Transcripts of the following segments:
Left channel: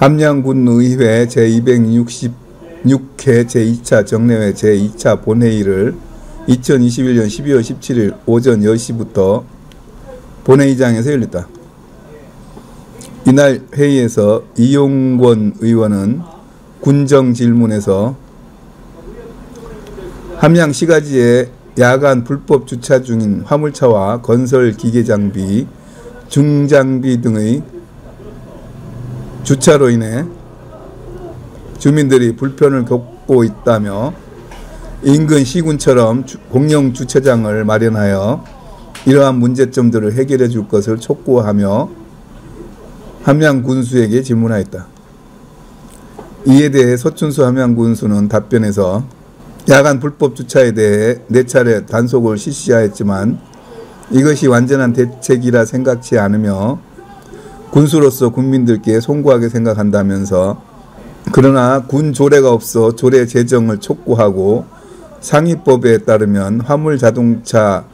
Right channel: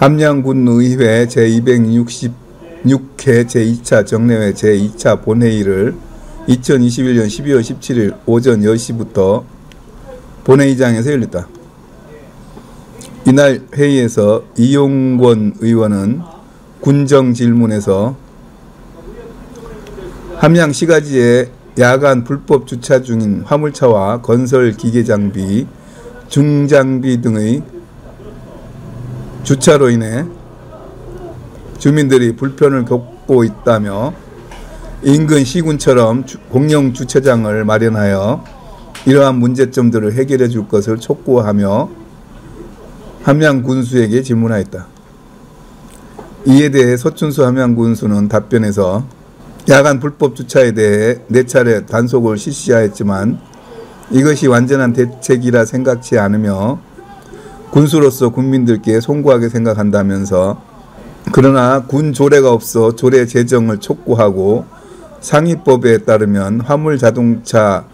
함양군의회 제266회 제2차 정례회 제2차 본회의를 2021년 12월 17일 오전 10시부터 본회의장에서 열렸다. 이날 회의에서 이용권 의원은 군정 질문에서 함양 시가지에 야간 불법 주차 중인 화물차와 건설 기계장비, 중장비 등의 주차로 인해 주민들이 불편을 겪고 있다며 인근 시군처럼 공영 주차장을 마련하여 이러한 문제점들을 해결해 줄 것을 촉구하며 함양군수에게 질문하였다. 이에 대해 서춘수 함양군수는 답변에서 야간 불법 주차에 대해 4차례 단속을 실시하였지만 이것이 완전한 대책이라 생각지 않으며 군수로서 국민들께 송구하게 생각한다면서 그러나 군 조례가 없어 조례 제정을 촉구하고 상위법에 따르면 화물 자동차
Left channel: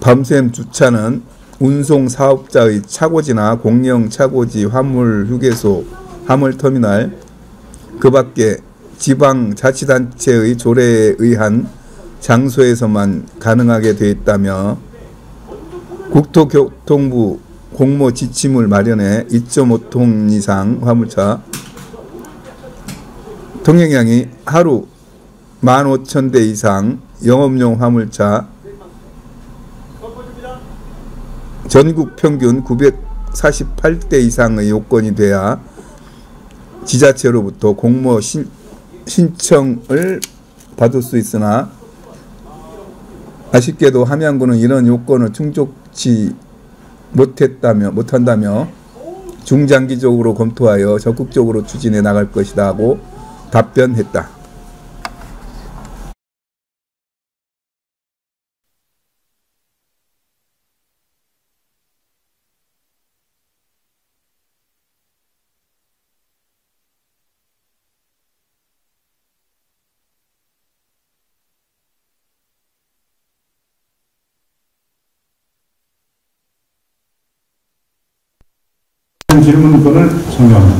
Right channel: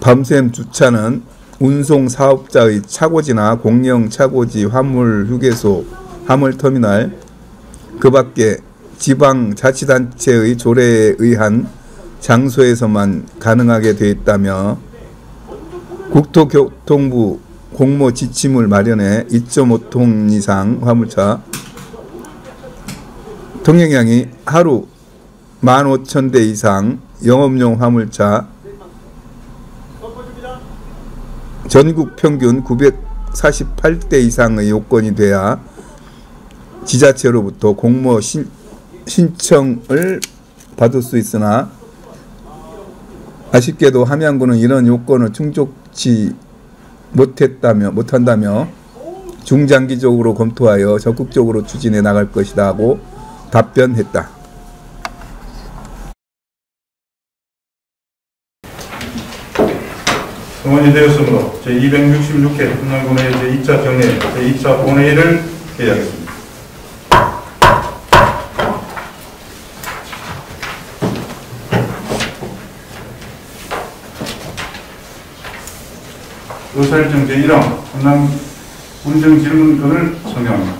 밤샘 주차는 운송 사업자의 차고지나 공영 차고지 화물 휴게소, 화물터미널, 그 밖에 지방자치단체의 조례에 의한 장소에서만 가능하게 되어 있다며 국토교통부 공모 지침을 마련해 2.5톤 이상 화물차 통행량이 하루 15,000대 이상 영업용 화물차 전국 평균 948대 이상의 요건이 돼야 지자체로부터 공모 신청을 받을 수 있으나 아쉽게도 함양군은 이런 요건을 충족치 못한다며 중장기적으로 검토하여 적극적으로 추진해 나갈 것이다 하고 답변했다. 성원이 되었으므로 제266회 함양군의 제2차 정례 제2차 본회의를 개의하겠습니다. 의사일정 제1항 함양 군정 질문권을 성명합니다.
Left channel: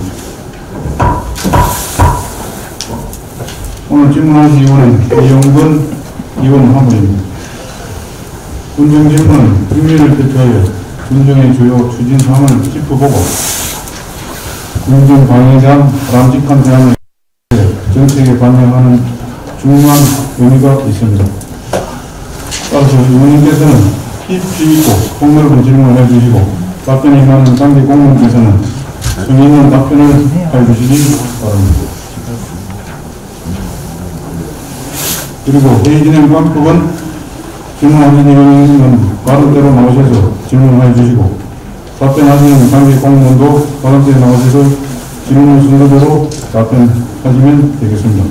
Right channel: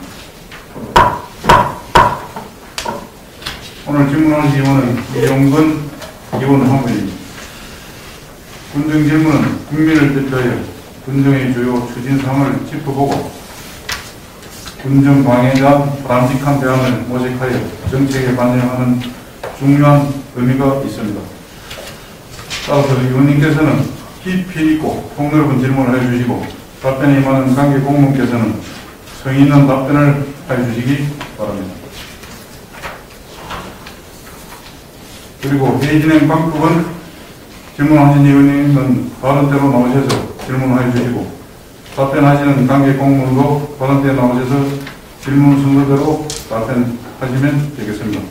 오늘 질문하신 의원은 이용권 의원 화면입니다. 군정 질문은 국민을 대표하여 군정의 주요 추진사항을 짚어보고 군정 방해간 바람직한 대안을 모색하여 정책에 반영하는 중요한 의미가 있습니다. 따라서 의원님께서는 깊이 있고 폭넓은 질문을 해주시고 답변이 많은 관계 공무원께서는 성의 있는 답변을 해주시기 바랍니다. 그리고 회의 진행 방법은 질문하신 의원님은 받은 대로 나오셔서 질문해 주시고 답변하시는 관계 공무원도 받은 대로 나오셔서 질문 순서대로 답변하시면 되겠습니다.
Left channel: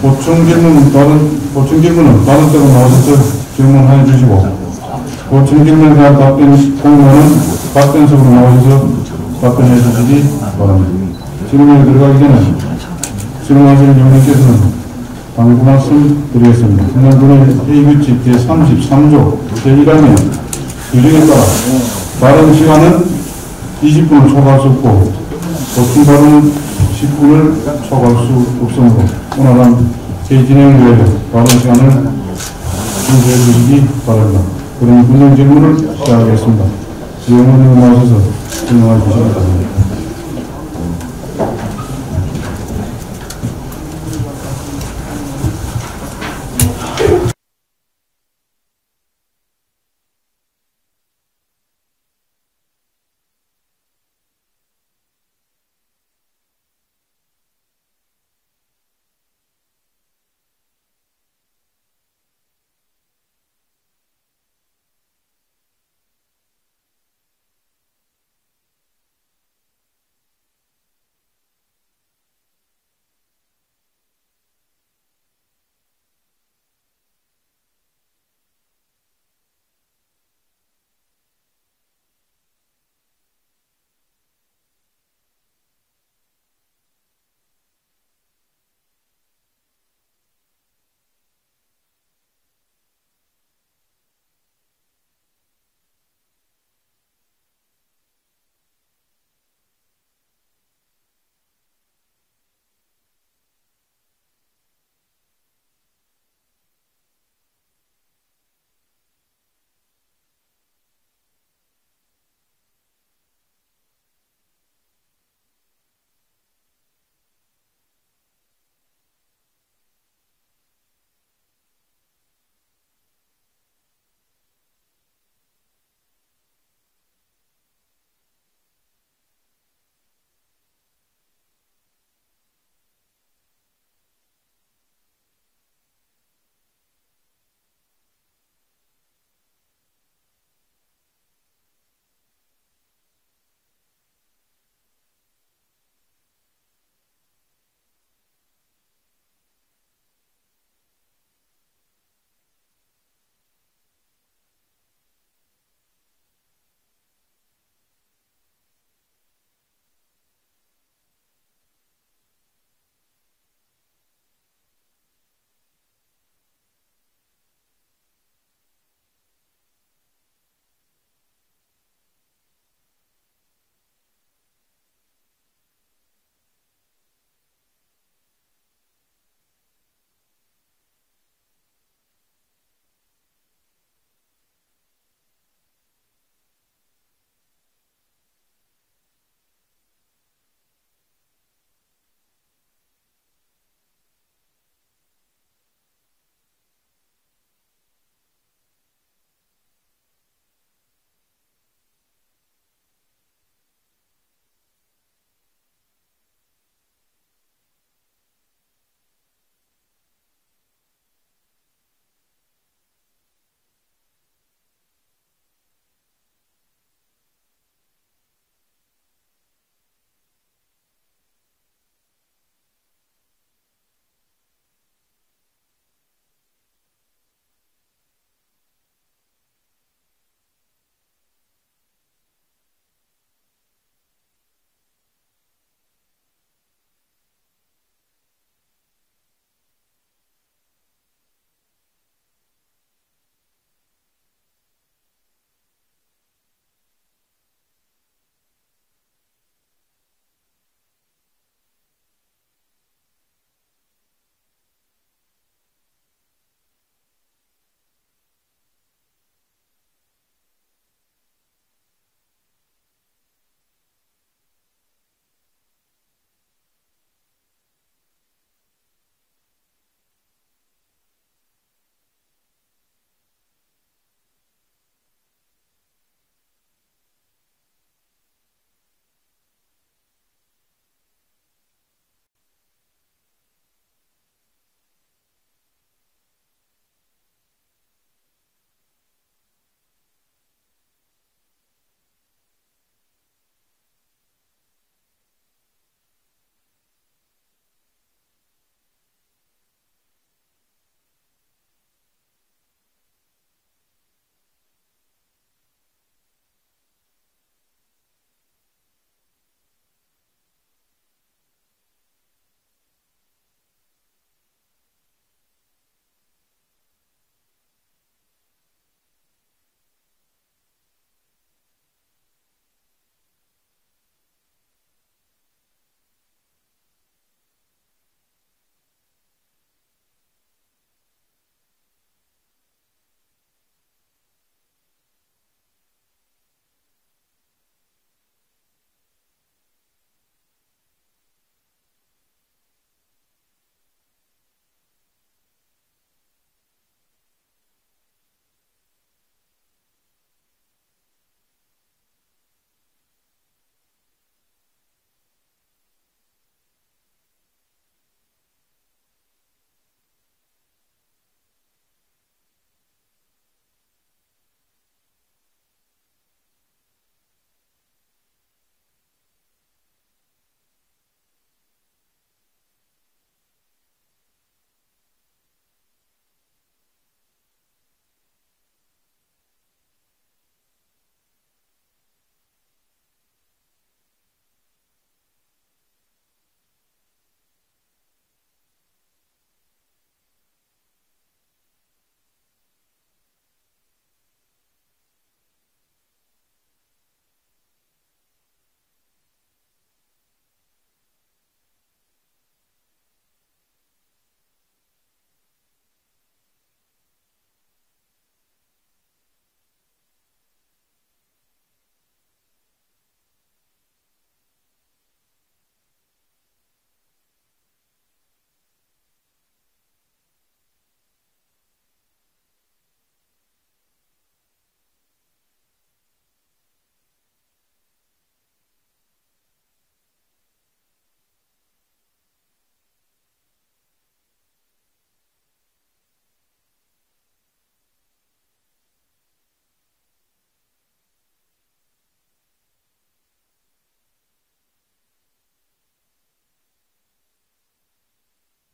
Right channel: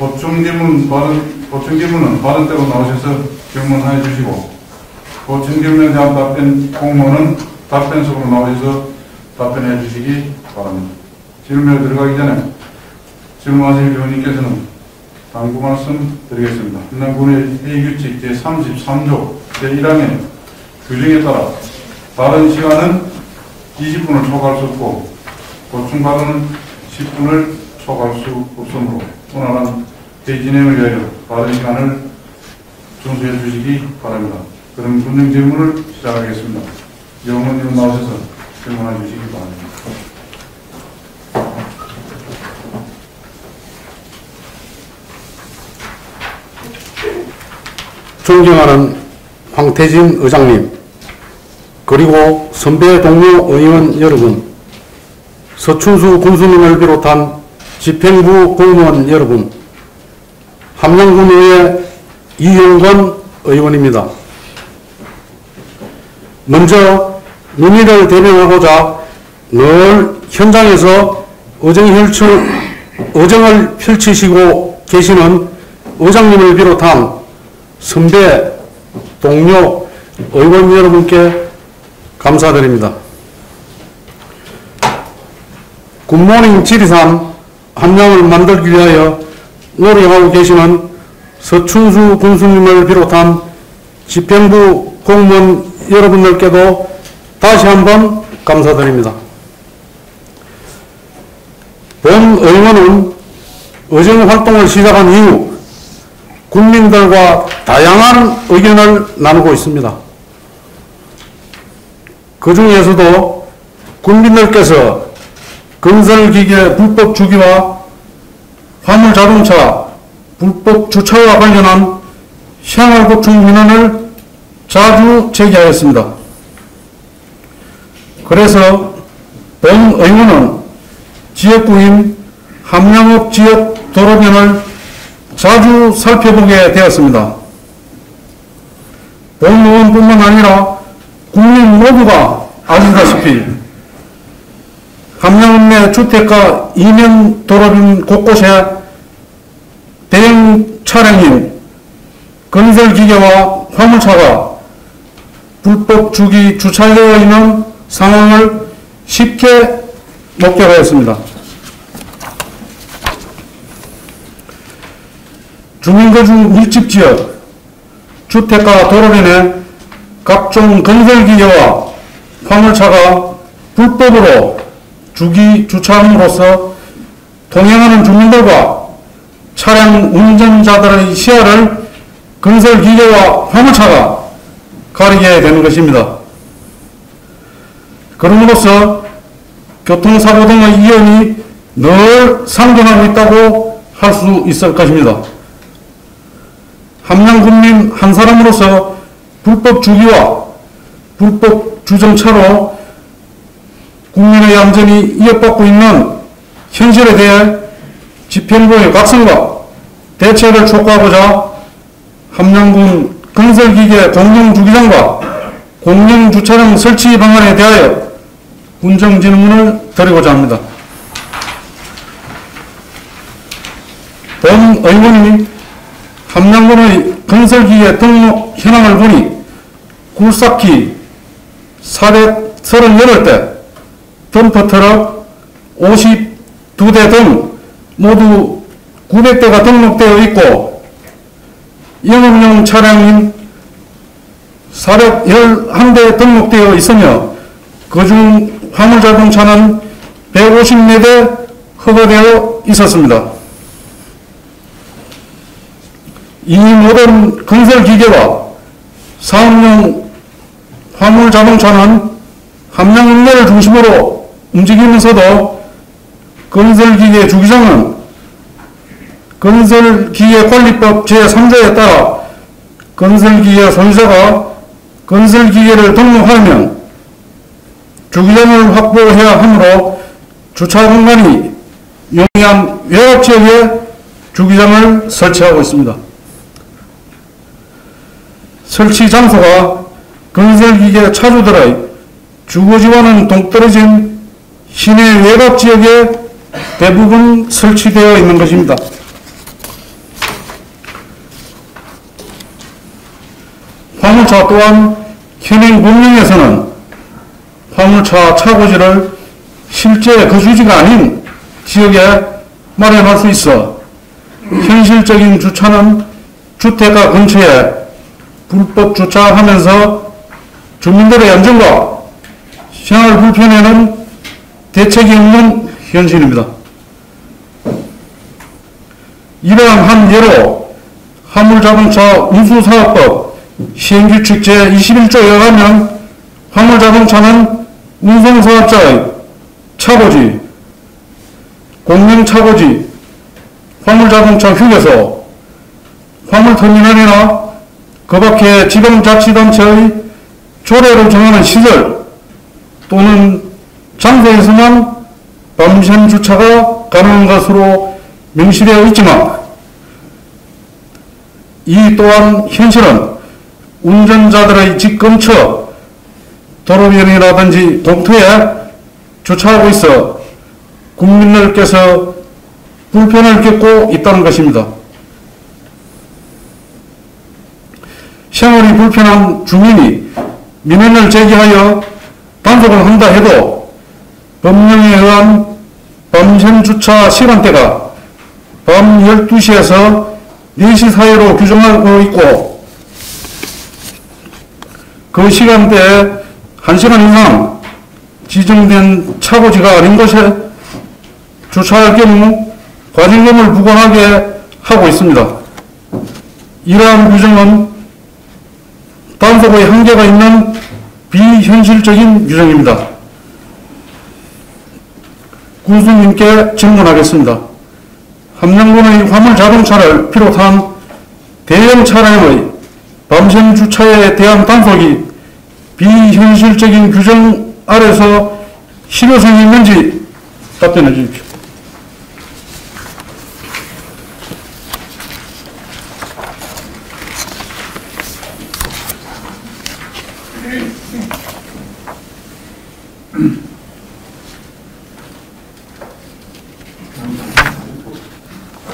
보충 질문은 받은 대로 나오셔서 질문해 주시고 보충 질문에 대한 답변 공무원은 답변석으로 나오셔서 답변해 주시기 바랍니다. 질문에 들어가기 전에 질문하실 의원님께서는 당부 말씀 드리겠습니다. 함양군의 회의규칙 제33조 제1항에 규정에 따라 다른 시간은 20분을 초과할 수 없고 보충 발언은 10분을 초과할 수 없으므로 오늘은 제2진행을 위하여 다른 시간을 준비해 주시기 바랍니다. 그럼 군정 질문을 시작하겠습니다. 질문을 나오셔서 질문해 주시기 바랍니다. 존경하는 황태진 의장님, 그리고 선배 동료 의원 여러분, 서춘수 군수님을 비롯한 집행부 공무원 여러분, 함양군의회 이용권 의원입니다. 먼저 민의를 대변하고자 늘 현장에서 의정을 펼치시고 계시는 의장님을 비롯한 선배, 동료, 의원 여러분께 감사드립니다. 굿모닝 지리산 함양을 만들기 위하여 노력하고 계시는 서춘수 군수님을 비롯한 집행부 공무원 여러분들께도 다시 한번 감사드립니다. 본 의원은 의정 활동을 시작한 이후 국민들과 다양한 의견을 나누고 있습니다. 그 중에서도 국민들께서 건설기계 불법 주기와 화물자동차 불법 주차와 관련한 생활고충 민원을 자주 제기하였습니다. 그래서 본 의원은 지역구인 함양읍 지역 도로변을 자주 살펴보게 되었습니다. 본 의원뿐만 아니라 국민 모두가 아시다시피 함양읍 내 주택가 이면 도로변 곳곳에 대형 차량인 건설기계와 화물차가 불법 주기 주차되어 있는 상황을 쉽게 목격하였습니다. 주민거주 밀집지역 주택가 도로변에 각종 건설기계와 화물차가 불법으로 주기 주차함으로써 통행하는 주민들과 차량 운전자들의 시야를 건설기계와 화물차가 가리게 되는 것입니다. 그럼으로써 교통사고 등의 위험이 늘 상존하고 있다고 할 수 있을 것입니다. 함양군민 한 사람으로서 불법 주기와 불법 주정차로 국민의 안전이 위협받고 있는 현실에 대해 집행부의 각성과 대책을 촉구하고자 함양군 건설기계 공영주기장과 공영주차장 설치 방안에 대하여 군정질문을 드리고자 합니다. 본 의원이 함양군의 건설기계 등록 현황을 보니 굴삭기 438대, 덤프트럭 52대 등 모두 900대가 등록되어 있고 영업용 차량인 411대 등록되어 있으며 그중 화물자동차는 154대 허가되어 있었습니다. 이 모든 건설기계와 사업용 화물자동차는 함양읍내를 중심으로 움직이면서도 건설기계 주기장은 건설기계관리법 제3조에 따라 건설기계 소유자가 건설기계를 등록하면 주기장을 확보해야 하므로 주차 공간이 용이한 외곽지역에 주기장을 설치하고 있습니다. 설치 장소가 건설기계 차주들의 주거지와는 동떨어진 시내 외곽지역에 대부분 설치되어 있는 것입니다. 화물차 또한 현행 법령에서는 화물차 차고지를 실제 거주지가 아닌 지역에 마련할 수 있어 현실적인 주차는 주택가 근처에 불법 주차하면서 주민들의 안전과 생활 불편에는 대책이 없는 현실입니다. 이러한 한 예로 화물자동차 운수사업법 시행규칙 제21조에 의하면 화물자동차는 운송사업자의 차고지, 공영차고지, 화물자동차 휴게소, 화물터미널이나 그 밖에 지방자치단체의 조례로 정하는 시설 또는 장소에서만 밤샘 주차가 가능한 것으로 명시되어 있지만 이 또한 현실은 운전자들의 집 근처 도로변이라든지 공터에 주차하고 있어 국민들께서 불편을 겪고 있다는 것입니다. 생활이 불편한 주민이 민원을 제기하여 단속을 한다 해도 법령에 의한 밤샘 주차 시간대가 밤 12시에서 4시 사이로 규정하고 있고 그 시간대에 1시간 이상 지정된 차고지가 아닌 곳에 주차할 경우 과징금을 부과하게 하고 있습니다. 이러한 규정은 단속의 한계가 있는 비현실적인 규정입니다. 군수님께 질문하겠습니다. 함양군의 화물자동차를 비롯한 대형 차량의 밤샘 주차에 대한 단속이 비현실적인 규정 아래서 실효성이 있는지 답변해 주십시오.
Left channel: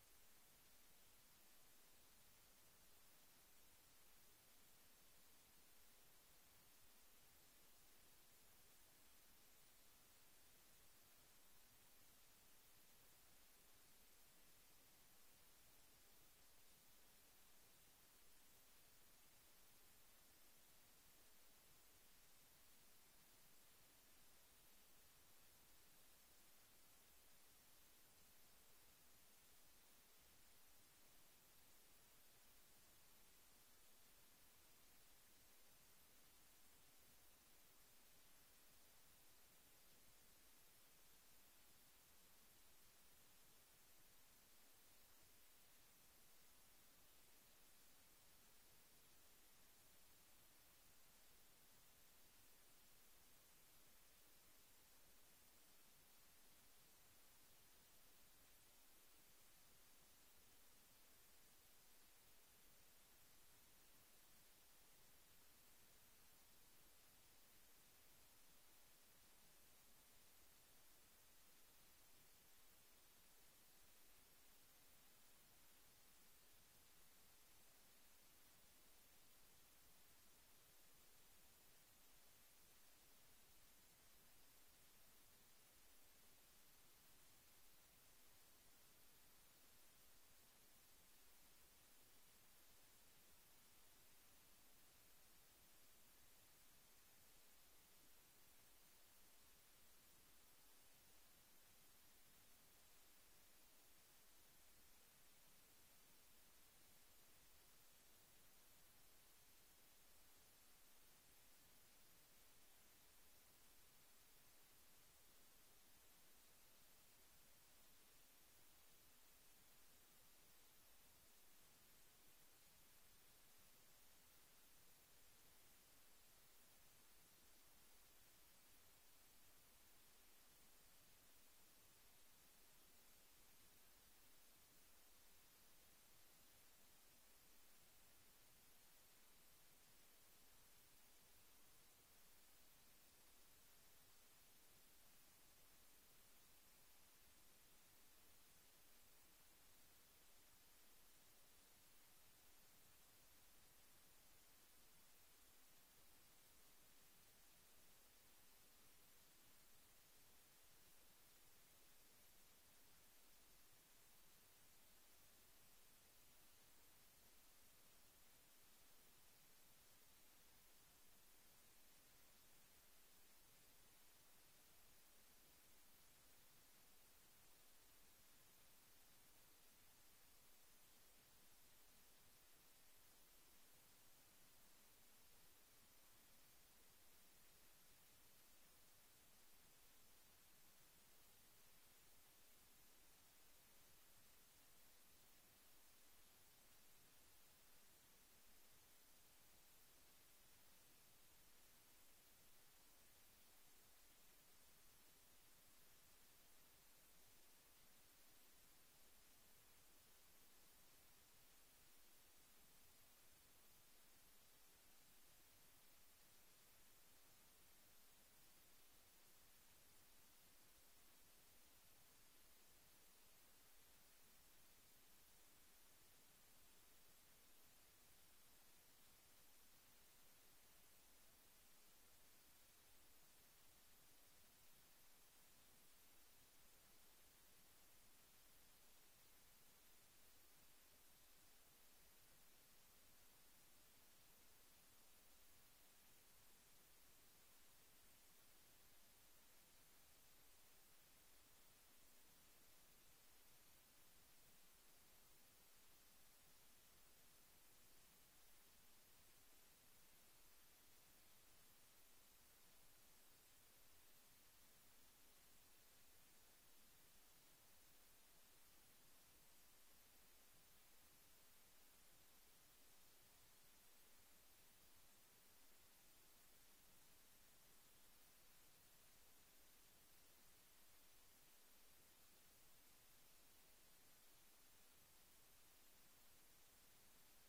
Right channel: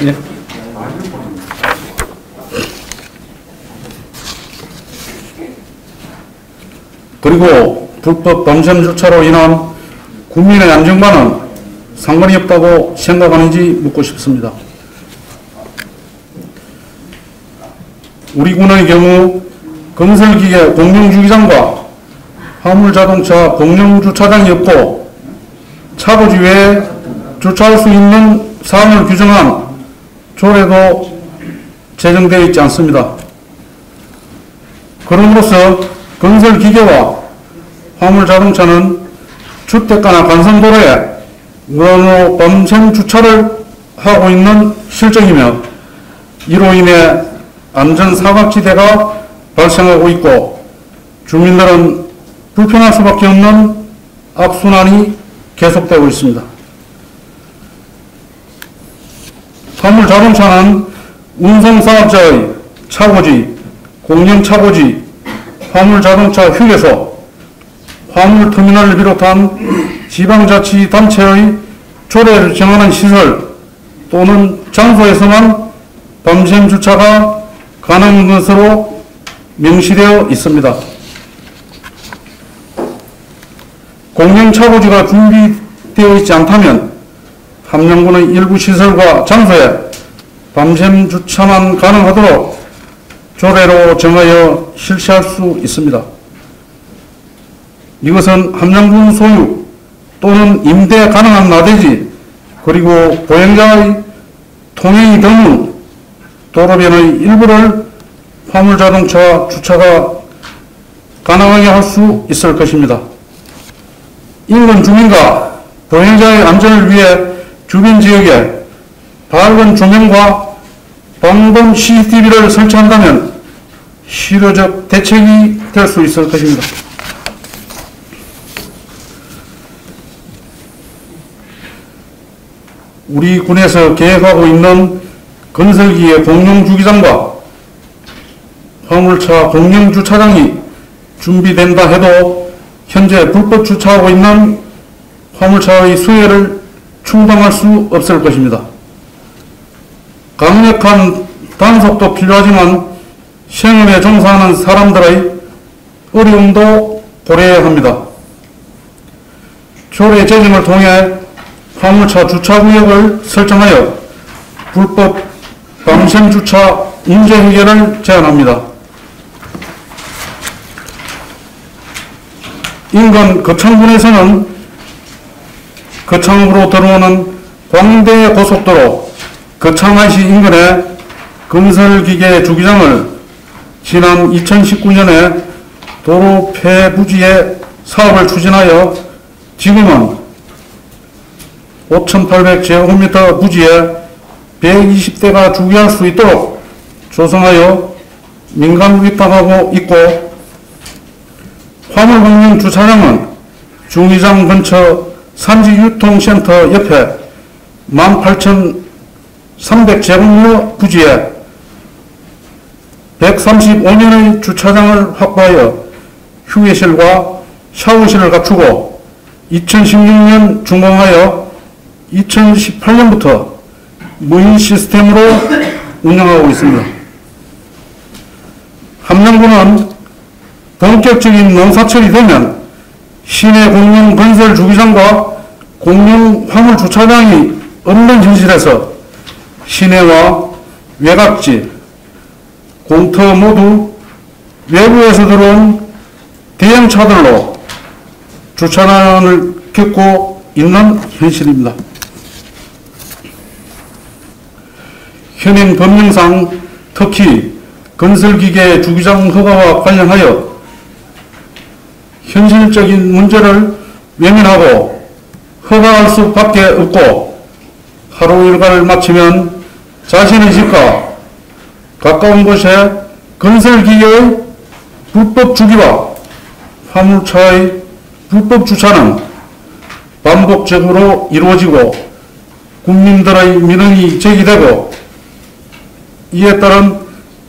네. 그리고 불법 밤샘 주차로 인한 국민의 안전과는 상관이 없다고 생각하는지 묻고 싶습니다. 우리 군의 경우 건설기계 공용주기장과 화물자동차 공용주차장이 없고 차고지 외에 주차할 수 있는 사항을 규정한 조례도 제정되어 있지 않습니다. 그럼으로써 건설기계와 화물자동차는 주택가나 간선도로에 무단으로 밤샘 주차를 하고 있는 실정이며 이로 인해 안전사각지대가 발생하고 있고 주민들은 불편할 수밖에 없는 악순환이 계속되고 있습니다. 화물자동차는 운송사업자의 차고지, 공영차고지, 화물자동차 휴게소, 화물터미널을 비롯한 지방자치단체의 조례를 정하는 시설 또는 장소에서만 밤샘 주차가 가능한 것으로 명시되어 있습니다. 공영차고지가 준비되어 있지 않다면 함양군의 일부 시설과 장소에 밤샘 주차만 가능하도록 조례로 정하여 실시할 수 있습니다. 이것은 함양군 소유 또는 임대 가능한 나대지 그리고 보행자의 통행이 드문 도로변의 일부를 화물자동차 주차가 가능하게 할 수 있을 것입니다. 인근 주민과 보행자의 안전을 위해 주변 지역에 밝은 조명과 방범 CCTV를 설치한다면 실효적 대책이 될 수 있을 것입니다. 우리 군에서 계획하고 있는 건설기의 공용주기장과 화물차 공용주차장이 준비된다 해도 현재 불법 주차하고 있는 화물차의 수혜를 충당할 수 없을 것입니다. 강력한 단속도 필요하지만 생업에 종사하는 사람들의 어려움도 고려해야 합니다. 조례 제정을 통해 화물차 주차구역을 설정하여 불법 밤샘 주차 문제 해결을 제안합니다. 인근 거창군에서는 거창으로 들어오는 광대 고속도로 거창IC 인근의 건설기계 주기장을 지난 2019년에 도로 폐부지에 사업을 추진하여 지금은 5,800제곱미터 부지에 120대가 주기할 수 있도록 조성하여 민간 위탁하고 있고 화물공영 주차장은 중기장 근처 산지유통센터 옆에 18,300제곱미터 부지에 135년의 주차장을 확보하여 휴게실과 샤워실을 갖추고 2016년 준공하여 2018년부터 무인 시스템으로 운영하고 있습니다. 함양군은 본격적인 농사철이 되면 시내 공용 건설 주기장과 공용 화물 주차장이 없는 현실에서 시내와 외곽지, 공터 모두 외부에서 들어온 대형차들로 주차난을 겪고 있는 현실입니다. 현행 법령상 특히 건설기계 주기장 허가와 관련하여 현실적인 문제를 외면하고 허가할 수밖에 없고 하루 일과를 마치면 자신의 집과 가까운 곳에 건설기계의 불법 주기와 화물차의 불법 주차는 반복적으로 이루어지고 국민들의 민원이 제기되고 이에 따른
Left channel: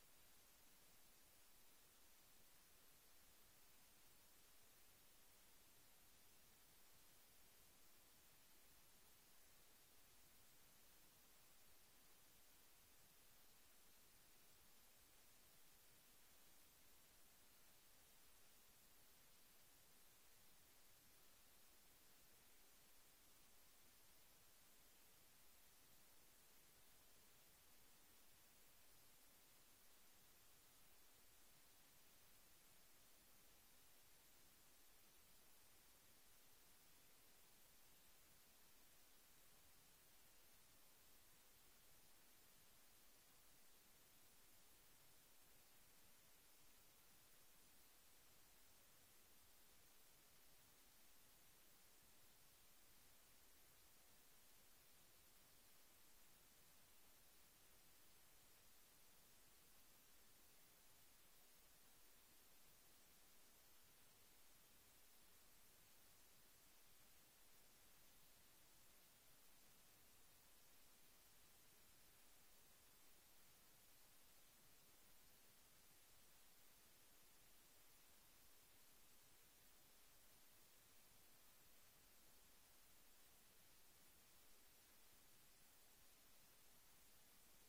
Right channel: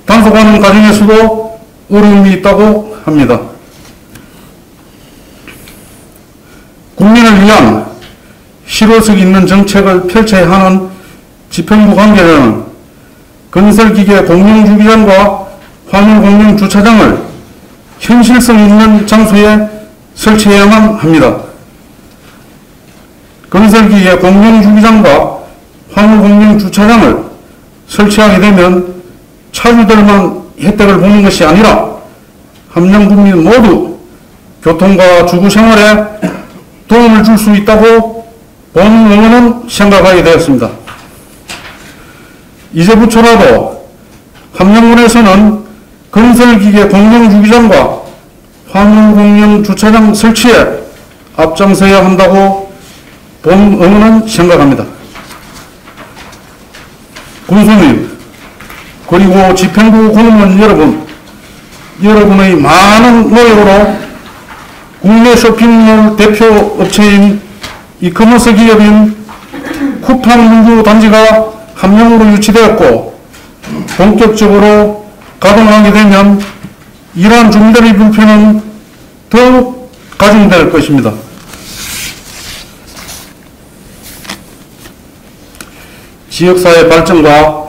단속하는 과정에서도 어려움이 있다고 합니다. 국민을 위한 실효성 있는 정책을 펼쳐야 하는 집행부 관계자는 건설기계 공용주기장과 화물공용주차장을 현실성 있는 장소에 설치해야만 합니다. 건설기계 공용주기장과 화물공용주차장을 설치하게 되면 차주들만 혜택을 보는 것이 아니라 함량국민 모두 교통과 주거생활에 도움을 줄 수 있다고 본 의원은 생각하게 되었습니다. 이제부터라도 함량군에서는 건설기계 공용주기장과 화물공용주차장 설치에 앞장서야 한다고 본 의원은 생각합니다. 군수님, 그리고 집행부 공무원 여러분, 여러분의 많은 노력으로 국내 쇼핑몰 대표 업체인 이커머스 기업인 쿠팡문구 단지가 함량으로 유치되었고 본격적으로 가동하게 되면 이러한 주민들의 불편은 더욱 가중될 것입니다. 지역사회 발전과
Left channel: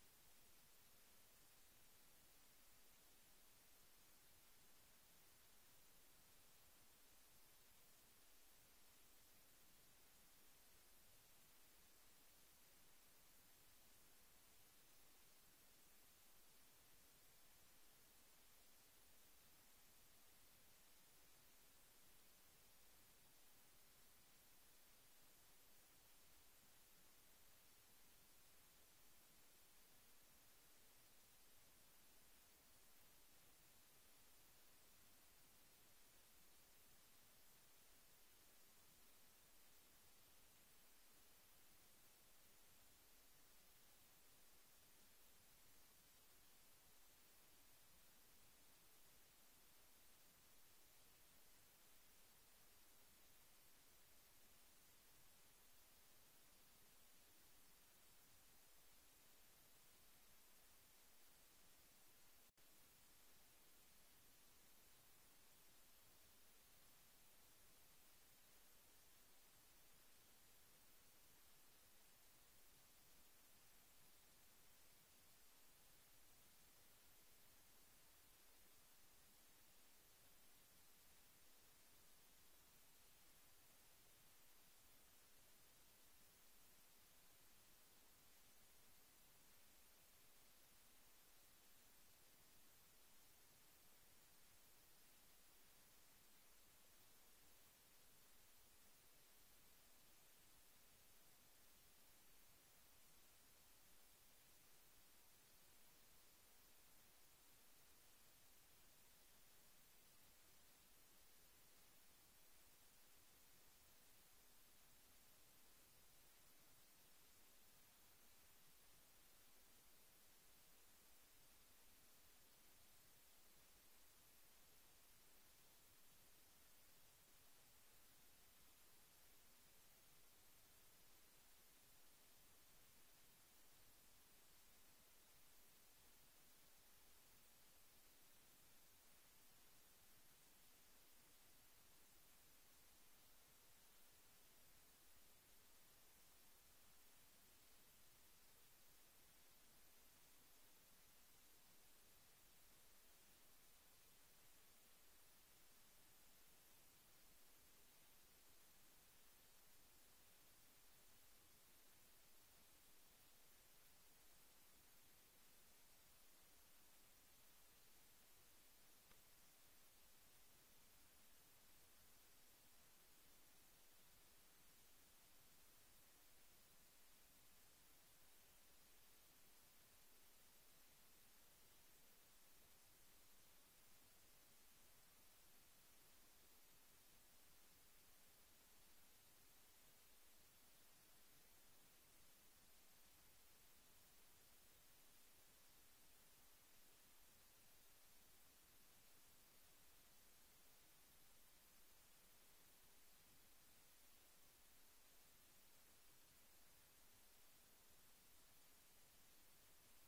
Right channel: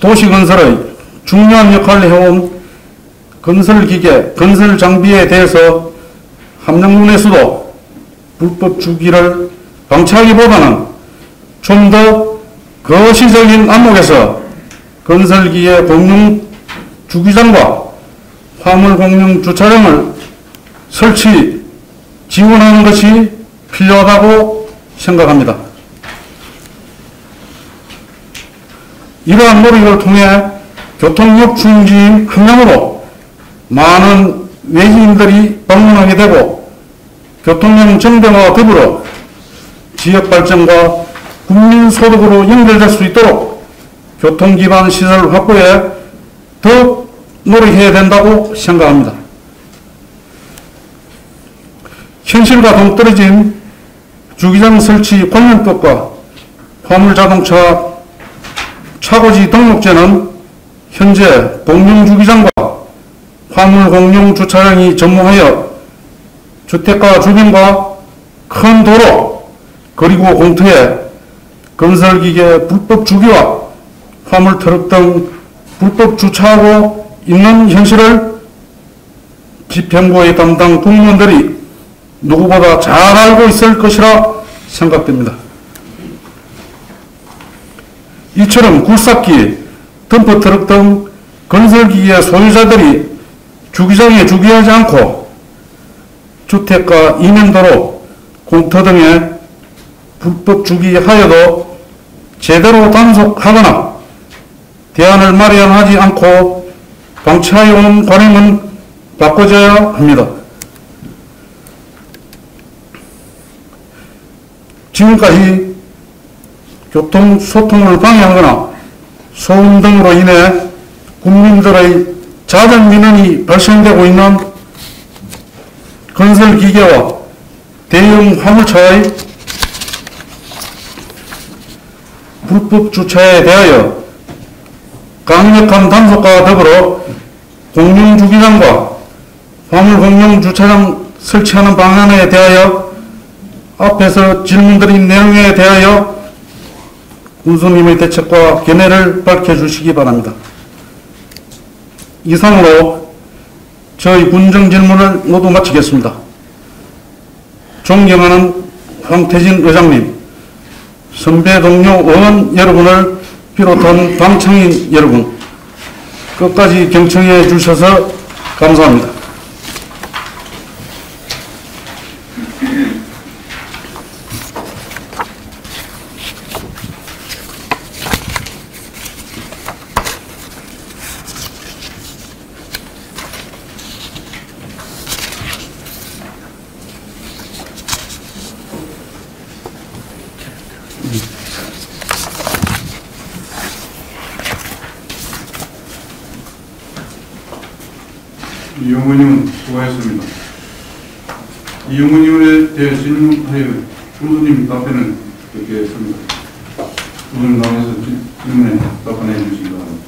도시건설의 중요한 역할을 해온 건설기계, 건설장비에 대해서 함량군에서도 불법 주기를 방치하기보다는 좀 더 거시적인 안목에서 건설기계 공용주기장과 화물공용주차장을 설치, 지원하는 것이 필요하다고 생각합니다. 이러한 노력을 통해 교통역 중심지인 함량으로 많은 외지인들이 방문하게 되고 교통량 정대화와 더불어 지역 발전과 국민 소득으로 연결될 수 있도록 교통기반 시설 확보에 더 노력해야 된다고 생각합니다. 현실과 동떨어진 주기장 설치 관련법과 화물자동차 차고지 등록제는 현재 공용주기장과 화물공용주차장이 전무하여 주택가 주변과 큰 도로 그리고 공터에 건설기계 불법 주기와 화물트럭 등 불법 주차하고 있는 현실을 집행부의 담당 공무원들이 누구보다 잘 알고 있을 것이라 생각됩니다. 이처럼 굴삭기, 덤프트럭 등 건설기계 소유자들이 주기장에 주기하지 않고 주택가 이면도로, 공터 등에 불법 주기하여도 제대로 단속하거나 대안을 마련하지 않고 방치하여 오는 관행은 바꿔줘야 합니다. 지금까지 교통소통을 방해하거나 소음 등으로 인해 국민들의 잦은 민원이 발생되고 있는 건설기계와 대형 화물차의 불법 주차에 대하여 강력한 단속과 더불어 공용주기장과 화물공용주차장 설치하는 방안에 대하여 앞에서 질문드린 내용에 대하여 군수님의 대책과 견해를 밝혀주시기 바랍니다. 이상으로 저희 군정 질문을 모두 마치겠습니다. 존경하는 황태진 의장님, 선배 동료 의원 여러분을 비롯한 방청인 여러분, 끝까지 경청해 주셔서 감사합니다. 이용근님은 수고하셨습니다. 이용근님에 대해 질문하여 교수님 답변을 듣겠습니다. 교수님 나와서 질문에 답변해 주시기 바랍니다.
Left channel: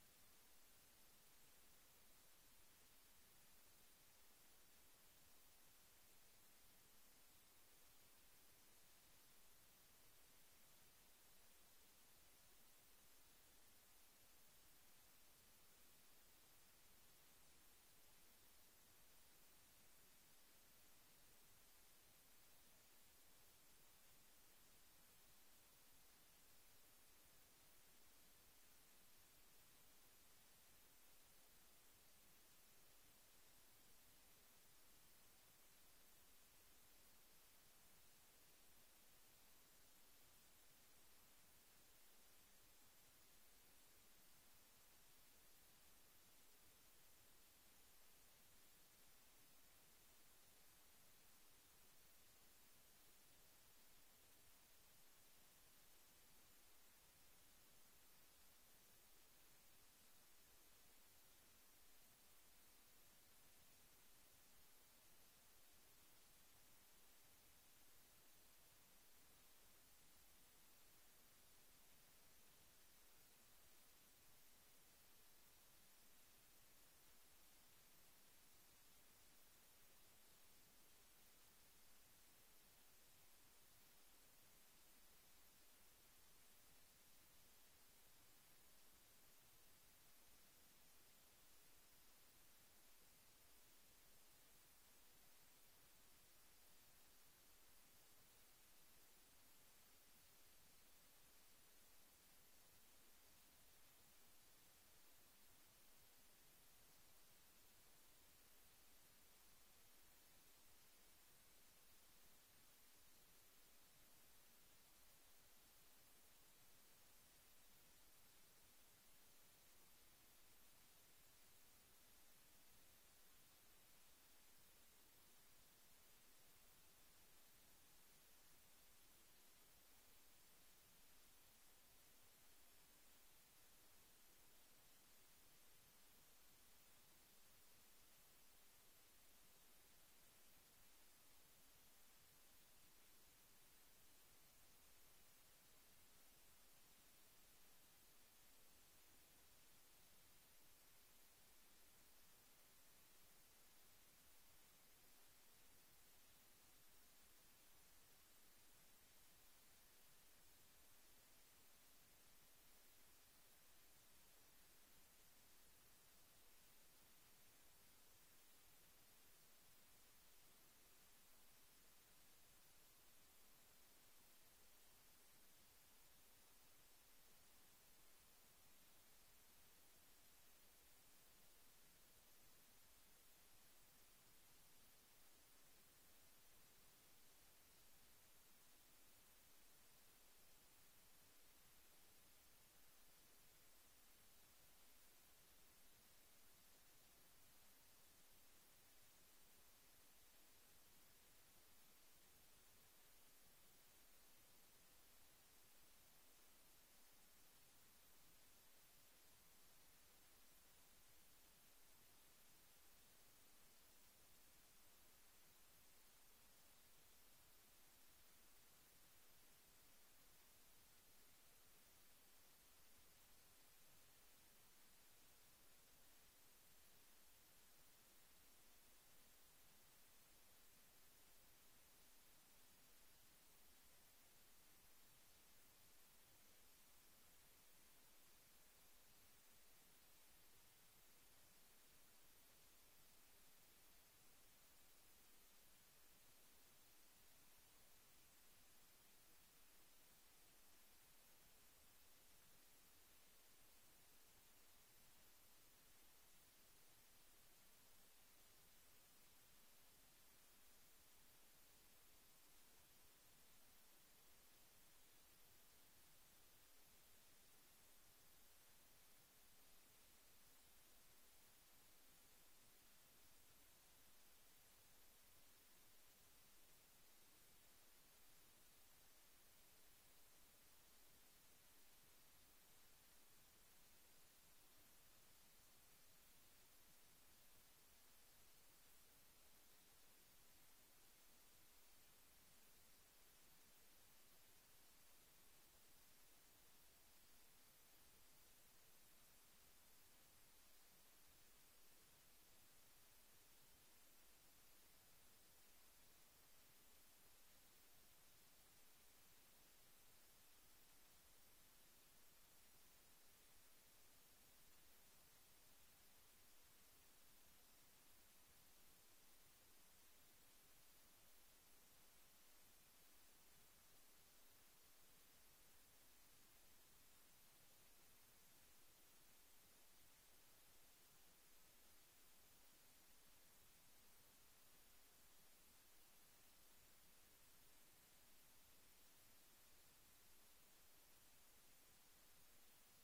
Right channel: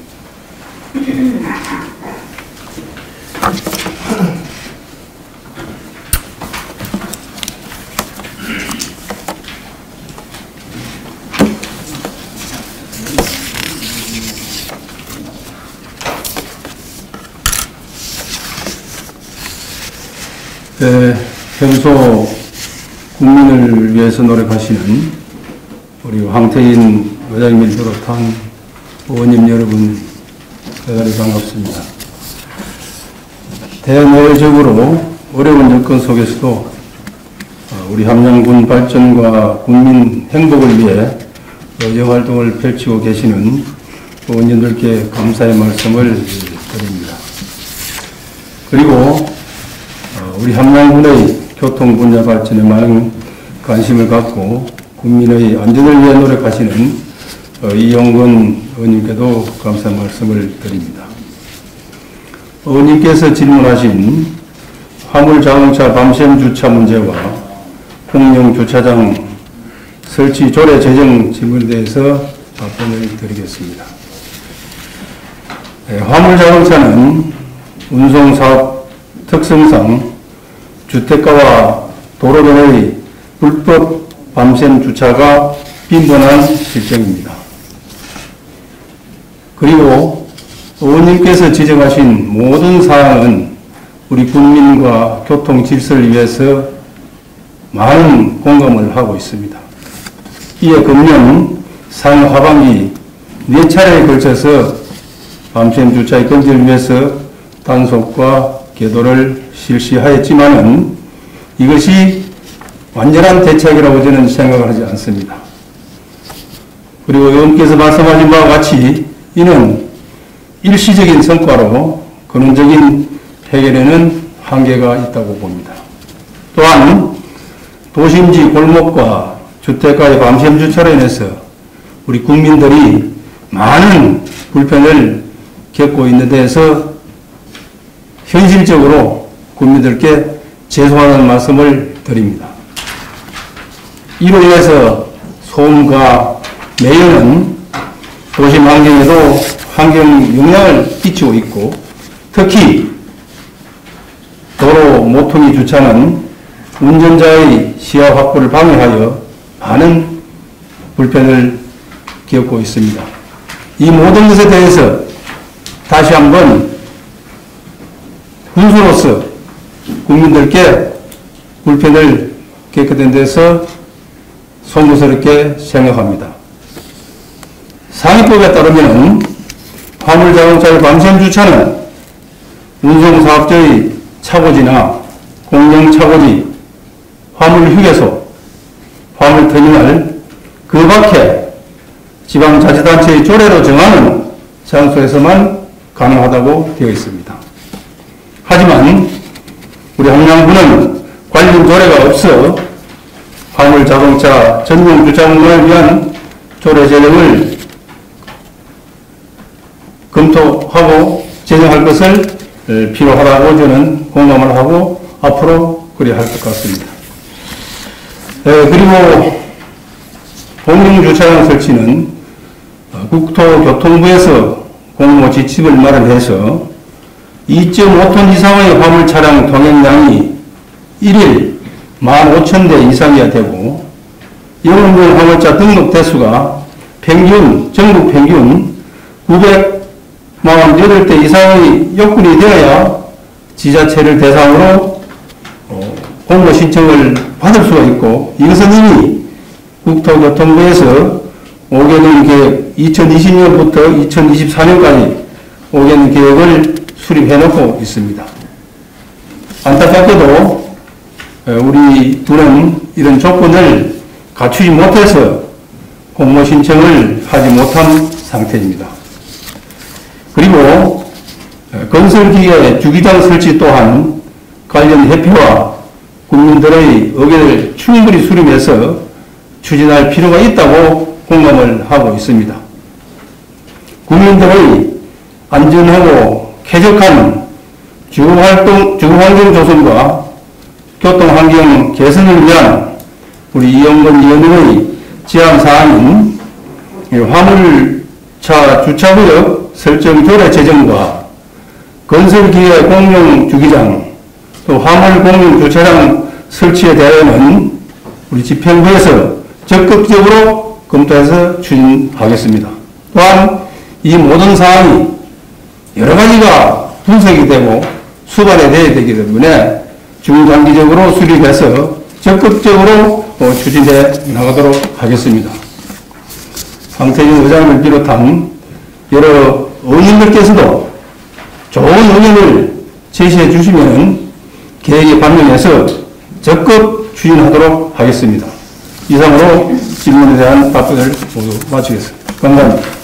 평소 국민을 위해서 노력하시는 우리 황태인 의장님을 비롯한 의원님 여러분, 대단히 반갑습니다. 대내적으로 어려운 여건 속에서도 우리 함양군 발전과 국민 행복을 위해 여활동을 펼치고 계시는 의원님들께 감사의 말씀을 드립니다. 그리고 우리 함양군의 교통 분야 발전에 많은 관심을 갖고 국민의 안전을 위해 노력하시는 이용근 의원님께도 감사의 말씀을 드립니다. 의원님께서 질문하신 화물자동차 밤샘 주차 문제와 공영 주차장 설치 조례 제정 질문에 대해서 답변을 드리겠습니다. 화물자동차는 운송사업 특성상 주택가와 도로변의 불법 밤샘 주차가 빈번한 실정입니다. 그리고 의원님께서 지적하신 모든 사항은 우리 국민과 교통 질서를 위해서 많은 공감을 하고 있습니다. 이에 금년 상해 하반기 4차례에 걸쳐서 밤샘 주차의 금지를 위해서 단속과 계도를 실시하였지만은 이것이 완전한 대책이라고 저는 생각을 하지 않습니다. 그리고 의원께서 말씀하신 바와 같이 이는 일시적인 성과로 근원적인 해결에는 한계가 있다고 봅니다. 또한 도심지 골목과 주택가의 밤샘 주차로 인해서 우리 국민들이 많은 불편을 겪고 있는 데에서 현실적으로 국민들께 죄송하다는 말씀을 드립니다. 이로 인해서 소음과 매연은 도심 환경에도 환경 영향을 끼치고 있고 특히 도로 모퉁이 주차는 운전자의 시야 확보를 방해하여 많은 불편을 겪고 있습니다. 이 모든 것에 대해서 다시 한번 군수로서 국민들께 불편을 겪게 된 데서 송구스럽게 생각합니다. 상위법에 따르면 화물자동차의 밤샘 주차는 운송사업자의 차고지나 공영차고지, 화물휴게소, 화물터미널, 그 밖에 지방자치단체의 조례로 정하는 장소에서만 가능하다고 되어 있습니다. 하지만 우리 함양군은 관련 조례가 없어 화물자동차 전용 주차공간을 위한 조례 제정을 검토하고 제정할 것을 필요하다고 저는 공감을 하고 앞으로 그래야 할 것 같습니다. 그리고 공영주차장 설치는 국토교통부에서 공모 지침을 마련해서 2.5톤 이상의 화물 차량 통행량이 1일 15,000대 이상이어야 되고 영업용 화물차 등록 대수가 전국 평균 948대 이상의 여건이 되어야 지자체를 대상으로 공모 신청을 받을 수가 있고 이것은 이미 국토교통부에서 5개년 계획 2020년부터 2024년까지 5개년 계획을 수립해 놓고 있습니다. 안타깝게도 우리 군은 이런 조건을 갖추지 못해서 공모 신청을 하지 못한 상태입니다. 그리고 건설기계 주기장 설치 또한 관련 협회와 국민들의 의견을 충분히 수렴해서 추진할 필요가 있다고 공감을 하고 있습니다. 국민들의 안전하고 쾌적한 주거환경 조성과 교통환경 개선을 위한 우리 이영건 의원의 제안사항인 화물차 주차구역 설정 조례 제정과 건설기계 공용 주기장 또 화물 공용 주차장 설치에 대해서는 우리 집행부에서 적극적으로 검토해서 추진하겠습니다. 또한 이 모든 사항이 여러 가지가 분석이 되고 수반이 되어야 되기 때문에 중장기적으로 수립해서 적극적으로 추진해 나가도록 하겠습니다. 황태진 의장을 비롯한 여러 의원님들께서도 좋은 의견을 제시해 주시면 계획에 반영해서 적극 추진하도록 하겠습니다. 이상으로 질문에 대한 답변을 모두 마치겠습니다. 감사합니다.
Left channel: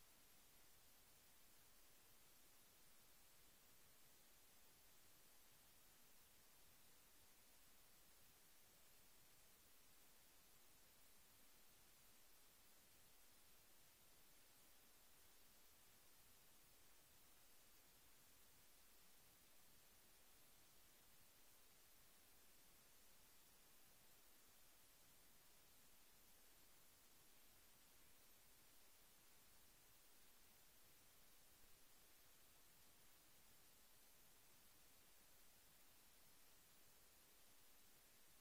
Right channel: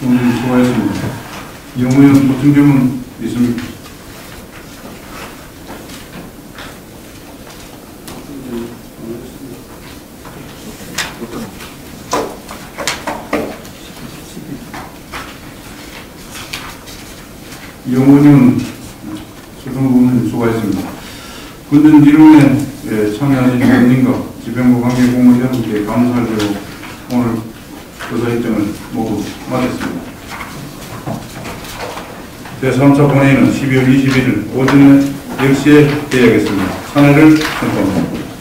수고하셨습니다. 이용 의원 무슨 질문 있습니까? 이용 의원님은 수고하셨습니다. 수고하셨습니다. 굳은 질문에 참여하신 의원님과 집행부 관계 공무원 여러분께 감사를 드리고 오늘 조사 일정을 모두 마쳤습니다. 제3차 본회의는 12월 21일 오전 10시에 개회하겠습니다. 찬회를 선포합니다.